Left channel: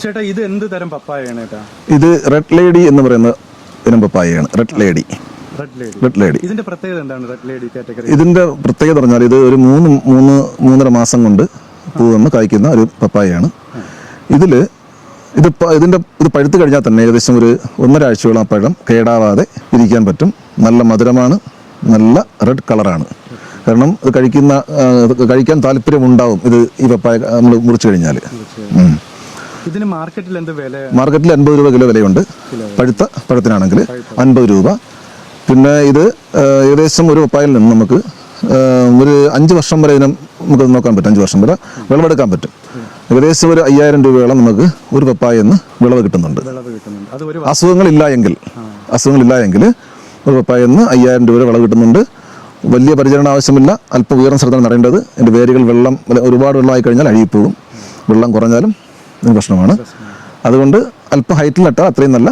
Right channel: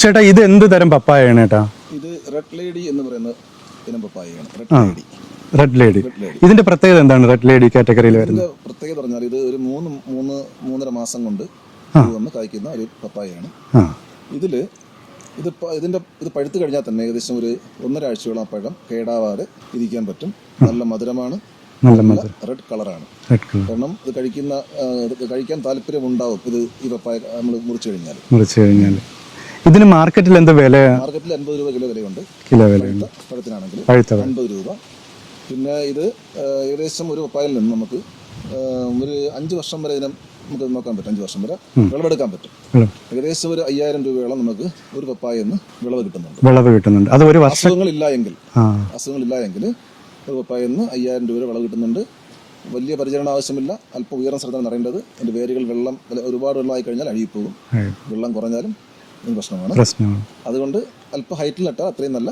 ചേട്ടാ ഇത് എന്ത് തരം പപ്പായയാണ് ചേട്ടാ? ഇത് റെഡ് ലേഡി എന്ന് പറയുന്ന ഇനം പപ്പായയാണ്. Red lady. ഇതിന്റെ പ്രത്യേകത എന്താണ്? റെഡ് ലേഡി കാറ്റഗറി ഇതിന്റെ പ്രത്യേകത പറഞ്ഞാൽ ഇത് ഒരു 3-3.5 മാസം കൊണ്ട് പൂവന്ന് കായ്ക്കുന്ന ഒരു പപ്പായയാണ്. ഇത് പഴുത്ത് കഴിഞ്ഞാൽ തന്നെ ഏകദേശം ഒരു 1.5 ആഴ്ചയോളം പഴം കേടാവാതെ ഇരിക്കാൻ പറ്റും. നല്ല മധുരമാണ്, നല്ല റെഡ് കളറാണ്. കാരണം ഇത് കഴിക്കാൻ താല്പര്യം ഉണ്ടാവും ഈ പപ്പായ നമ്മൾ മുറിച്ചു കഴിഞ്ഞാൽ. ഇതിന് മാർക്കറ്റിൽ എന്താ വില? മാർക്കറ്റിൽ 50 രൂപ കിലോ വിലയുണ്ട്. പഴുത്ത പഴത്തിനാണെങ്കിൽ 50 രൂപ. പിന്നെ ഇത് ഏകദേശം ഒരു പപ്പായയിൽ നിന്ന് നമുക്ക് ഒരു 5 വർഷം വരെ നമുക്ക് നോക്കാൻ പറ്റും. 5 വർഷം വരെ വിളവെടുക്കാൻ പറ്റും. ഏകദേശം ഒരു 5000 രൂപയോളം നമുക്ക് ഒരു പപ്പായെന്ന് വിളവ് കിട്ടുന്നുണ്ട്. അത് ഒരു അസുഖങ്ങളില്ല എങ്കിൽ ഒരു പപ്പായെന്ന് 5000 രൂപ വിളവ് കിട്ടുന്നുണ്ട്. വലിയ പരിചരണം ആവശ്യമില്ല. അല്പം ഉയർന്ന സ്ഥലത്താണ് നടേണ്ടത്. എൻ്റെ വേരുകൾ ഒരുപാട് വെള്ളമായി കഴിഞ്ഞാൽ അഴുകിപ്പോകും. വെള്ളം കുറഞ്ഞാലും പ്രശ്നമാണ്. അതുകൊണ്ട് അല്പം ഹൈറ്റിൽ നട്ടാൽ അത്രയും നല്ല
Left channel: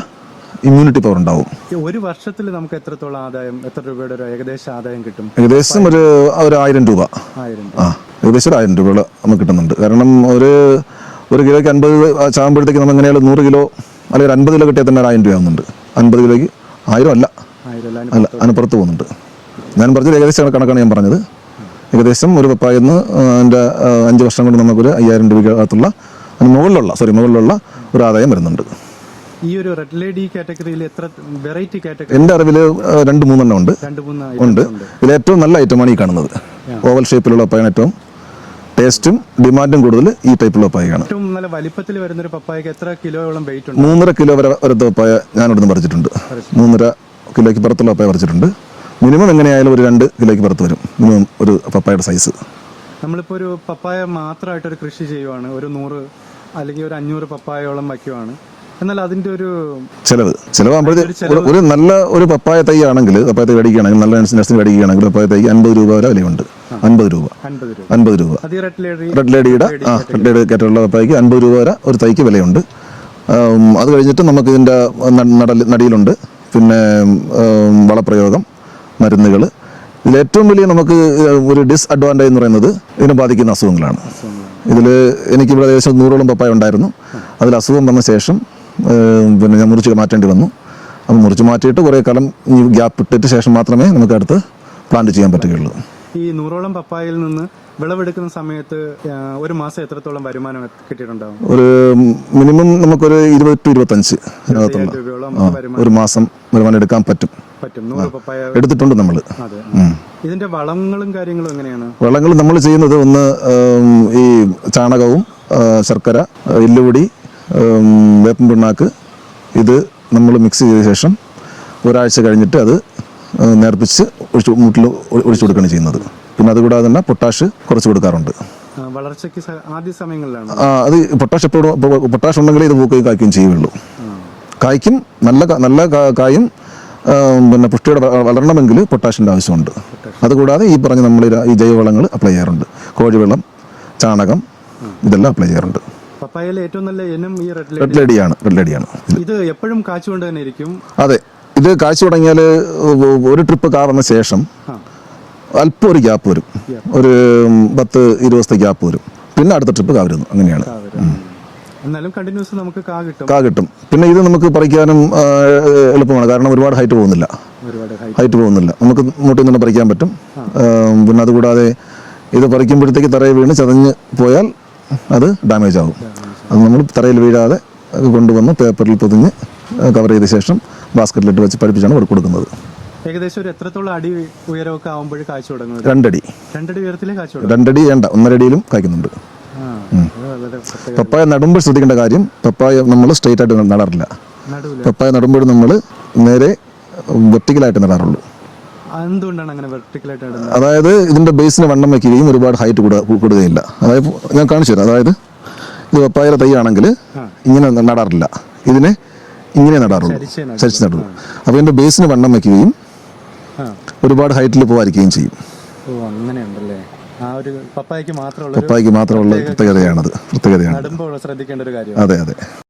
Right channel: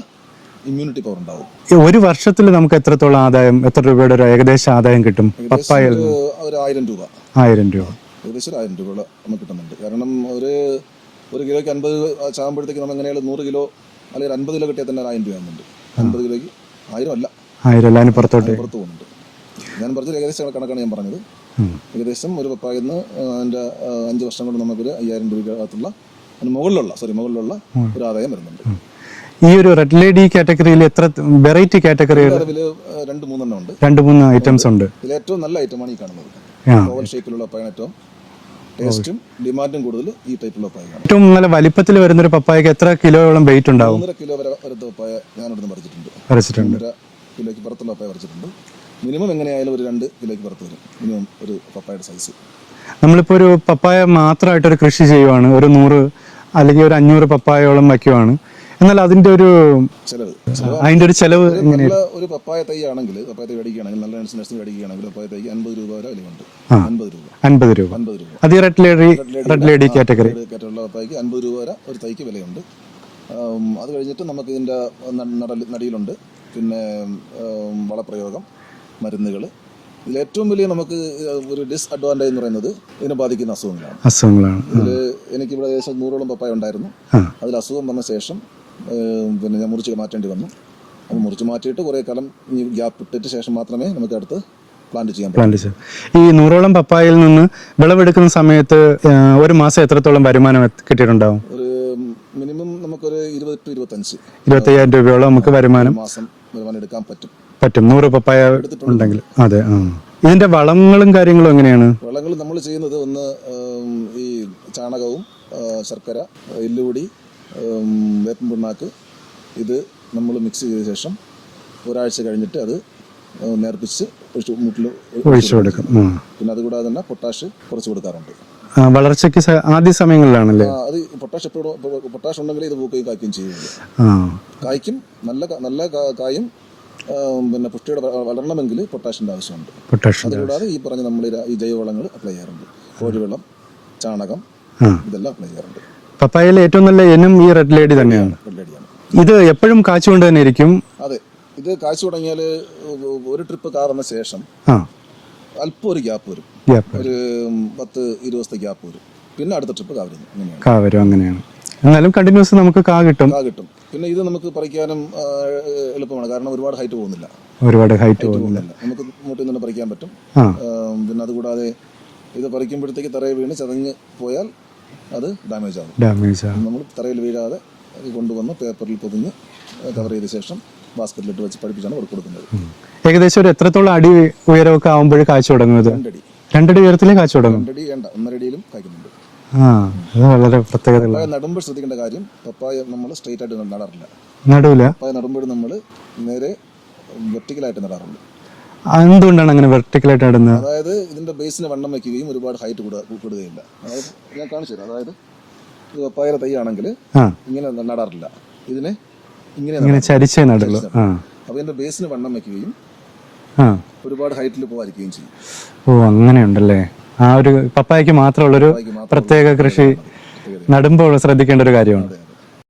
ഇമ്മ്യൂണിറ്റി പവർ ഉണ്ടാവും. ഒരു വർഷത്തിൽ നമുക്ക് എത്രത്തോളം ആദായം, എത്ര രൂപയുടെ ഒരു ഏകദേശ ആദായം കിട്ടും? ഏകദേശം ഒരു 1000 രൂപ. ഏകദേശം 1000 രൂപ നമുക്ക് കിട്ടുന്നുണ്ട്. കാരണം ഒരു കിലോയ്ക്ക് 50 ചാകുമ്പോഴത്തേക്ക് നമ്മൾ എങ്ങനെയാലും 100 കിലോ അല്ലെങ്കിൽ 50 കിലോ കിട്ടിയാൽ തന്നെ 1000 രൂപ ആവുന്നുണ്ട്. 50 കിലോയ്ക്ക് 1000 അല്ല, അതിന് പുറത്ത് പോകുന്നുണ്ട്. ഞാൻ പറഞ്ഞത് ഏകദേശം കണക്കാണ് ഞാൻ പറഞ്ഞത്. ഏകദേശം ഒരു പപ്പായെന്ന് 5 വർഷം കൊണ്ട് നമുക്കൊരു 5000 രൂപയ്ക്കകത്തുള്ള മുകളിലുള്ള ഒരു ആദായം വരുന്നുണ്ട്. ഈ ഒരു റെഡ് ലേഡി കാറ്റഗറിയിൽ എത്ര വെറൈറ്റി കാറ്റഗറി? എന്റെ അറിവിൽ 2-3 എണ്ണം ഉണ്ട്. 2-3 ഐറ്റംസ് ഉണ്ട്. ഇതിൽ ഏറ്റവും നല്ല ഐറ്റമാണ് ഈ കാണുന്നത്. ഓവൽ ഷേപ്പിലുള്ള പപ്പായാണ് ഏറ്റവും ടേസ്റ്റും ഡിമാൻഡും കൂടുതൽ ഈ ടൈപ്പുള്ള പപ്പായാണ്. ഏറ്റവും നല്ല വലിപ്പത്തിൽ വരുന്ന ഒരു പപ്പായക്ക് എത്ര കിലോയോളം വെയിറ്റ് ഉണ്ട്? 3.5 കിലോ വരെ വരുന്ന പപ്പായ ഞാൻ ഇവിടുന്ന് പറിച്ചിട്ടുണ്ട്. 3.5 കിലോയ്ക്ക് പുറത്തുള്ള പപ്പായ പറിച്ചിട്ടുണ്ട്. മിനിമം എങ്ങനെയായാലും ഒരു 2 കിലോയ്ക്ക് പുറത്ത് വരും മിനിമം ഒരു പപ്പായയുടെ സൈസ്. നമ്മളിപ്പോൾ ഒരു പപ്പായ മാത്രമായിട്ടൊരു കൃഷി ചെയ്യുവാണ്, ഒരു 100 അല്ലെങ്കിൽ ഒരു 500 പപ്പായോളം വയ്ക്കുവാണ്. എന്നാൽ അതിന്റെ ഒരു ചെലവ് ഒരു നല്ല ഒരു പപ്പായ തൈ ആണെങ്കിൽ, പപ്പായ തൈ മേടിക്കുകയാണെങ്കിൽ, നല്ല നഴ്സിന് മേടിക്കുകയാണെങ്കിൽ പപ്പായ തൈക്ക് 50 രൂപ വരെ വിലയുണ്ട്. 50 രൂപ. അത് റെഡ് ലേഡി കാറ്റഗറിയുള്ള പപ്പായക്ക് 50 രൂപ വരെ ഒരു തൈക്ക് വിലയുണ്ട്. അത് കഴിഞ്ഞിട്ട് നമുക്ക് ഇതിന്റെ നടിയിലുണ്ട്. പിന്നെ വളപ്രയോഗം, മരുന്നുകൾ. ഇതിൽ ഏറ്റവും വലിയ നമുക്ക് ഒരു ഡിസ്അഡ്വാൻറ്റേജ് എന്ന് പറയുന്നത് ഇതിനെ ബാധിക്കുന്ന അസുഖങ്ങളാണ്. ഇതിൽ എനിക്കിവിടെ ഏകദേശം 100ഓളം പപ്പായ ഉണ്ടായിരുന്നു. അതിൽ അസുഖം വന്ന ശേഷം പിന്നെ ഞാൻ മുറിച്ച് മാറ്റേണ്ടി വന്നു. അത് മുറിച്ച് മാറ്റിയിട്ട് കുറേ കാലം ഗ്യാപ്പ് ഇട്ടിട്ട് ശേഷം മാത്രമേ നമുക്ക് അടുത്ത് പ്ലാന്റ് ചെയ്യാൻ പറ്റുള്ളൂ. ഈ 100ഓളം പപ്പായയിൽ നിന്ന് വിളവെടുക്കുന്ന സമയത്ത് ഒരു മാസം എത്രത്തോളം വരുമാനം കിട്ടിയിട്ടുണ്ടാവും? ഒരു മിനിമം നമുക്കൊരു 20-25 രൂപയോളം നമുക്ക് ഒരു മാസം വരുമാനം എടുക്കാൻ പറ്റും. 100 പപ്പായ എടുത്തിട്ടുണ്ട് നമ്മൾ. അതെ. ഇതിന്റെ വളങ്ങളും കാര്യങ്ങളും എങ്ങനെയാണ്? വളങ്ങൾ നമ്മൾ ചെയ്യുന്നത് ഒന്ന് ഈ ചാണകവും ശർക്കര, എല്ലുപൊടി, വേപ്പൻ പിണ്ണാക്ക്, ഇത് നമ്മൾ മിക്സ് ചെയ്ത ശേഷം ഒരാഴ്ച കഴിഞ്ഞിട്ട് അത് നേർപ്പിച്ച് മുട്ടിൽ ഒഴിച്ചു കൊടുക്കുകയാണ് ചെയ്യുന്നത്. പിന്നെ അതുകൂടാതെ തന്നെ പൊട്ടാഷ് കുറച്ച് കൊടുക്കാറുണ്ട്. വളർച്ചയ്ക്ക് ആദ്യ സമയങ്ങളിലാണ് അത് പൊട്ടാഷ് ഉണ്ടെങ്കിൽ ഇത് പൂക്കുകയും കായ്ക്കുകയും ചെയ്യുള്ളൂ. കായ്ക്കും നല്ല കായും പിന്നെ പുഷ്ടിയോടെ വളരണമെങ്കിൽ പൊട്ടാഷിന്റെ ആവശ്യമുണ്ട്. അതുകൂടാതെ ഈ പറഞ്ഞ നമ്മൾ ഈ ജൈവവളങ്ങൾ അപ്ലൈ ചെയ്യാറുണ്ട്. കോഴിവെള്ളം, ചാണകം, ഇതെല്ലാം അപ്ലൈ ചെയ്യാറുണ്ട്. പപ്പായയിൽ ഏറ്റവും നല്ല ഇനം ഈ റെഡ് ലേഡിയാണ്. ഇത് എപ്പോഴും കാച്ചുകൊണ്ട് തന്നെ ഇരിക്കും. അതെ, ഇത് കാച്ചു തുടങ്ങിയാൽ ഒരു ട്രിപ്പ് കാ വന്ന ശേഷം അല്പം ഒരു ഗ്യാപ്പ് വരും. ഒരു 10-20 ദിവസത്തെ ഗ്യാപ്പ് വരും. പിന്നെ അടുത്ത ട്രിപ്പ് കാ വരുന്നു. അങ്ങനെയാണ്. എന്നാലും കണ്ടിന്യൂസ് നമുക്ക് കാ കിട്ടും. പിന്നെ ഇത് നമുക്ക് പറിക്കാനും എളുപ്പമാണ്. കാരണം ഒരുപാട് ഹൈറ്റ് പോകുന്നില്ല. നമുക്ക് മുട്ടിൽ നിന്ന് പറിക്കാൻ പറ്റും. പിന്നെ അതുകൂടാതെ ഇത് പറിക്കുമ്പോഴത്തേക്ക് തറയിൽ വീണ് ചതഞ്ഞ് പോയാൽ അത് ഡാമേജ് ആകും. അത് നമ്മൾ തറയിൽ വീഴാതെ കൊണ്ടുവന്ന് പേപ്പറിൽ പൊതിഞ്ഞ് കവർ ചെയ്ത ശേഷം ബാസ്ക്കറ്റിലിട്ട് വെച്ച് പഠിപ്പിച്ചാണ് കൊടുക്കുന്നത്. ഏകദേശം ഒരു എത്രത്തോളം അടി ഉയരമൊക്കെ ആകുമ്പോൾ കാഴ്ച തുടങ്ങുന്നത്? 2 അടി. 2 അടി ഉയരത്തിലേ കാഴ്ച തുടങ്ങും. 2 അടി വേണ്ട, 1.5 അടിയിലും കായ്ക്കുന്നുണ്ട്. പപ്പായ നടുമ്പോൾ ശ്രദ്ധിക്കേണ്ട കാര്യം, പപ്പായ നമ്മൾ സ്ട്രെയിറ്റ് ആയിട്ട് നടാറില്ല. പപ്പായ നടുമ്പോൾ നമ്മൾ നേരെ വെർട്ടിക്കലായിട്ട് നടാറുള്ളൂ. എന്തുകൊണ്ടാണ് അങ്ങനെ വെർട്ടിക്കലായിട്ട് നടുന്നത്? അതായത് ഇതിന്റെ ബേസിന് വണ്ണം വയ്ക്കുകയും ഒരുപാട് ഹൈറ്റ് കൂടുകയില്ല. അതായത് ഞാൻ കാണിച്ചു തരാം. അതായത് ഇത് പപ്പായയുടെ തൈ ആണെങ്കിൽ ഇങ്ങനെ നടാറില്ല, ഇതിനെ ഇങ്ങനെ നടാറുള്ളൂ. അപ്പൊ ഇതിന്റെ ബേസിന് വണ്ണം വയ്ക്കുകയും ഒരുപാട് ഹൈറ്റിൽ പോകാതിരിക്കുകയും ചെയ്യും. അങ്ങനെയുണ്ടല്ലേ. ആ ഒരു പപ്പായക്ക് മാത്രമുള്ള പ്രത്യേകതയാണ്. നടുമ്പോൾ ശ്രദ്ധിക്കേണ്ട ഒരു കാര്യം. അതെ.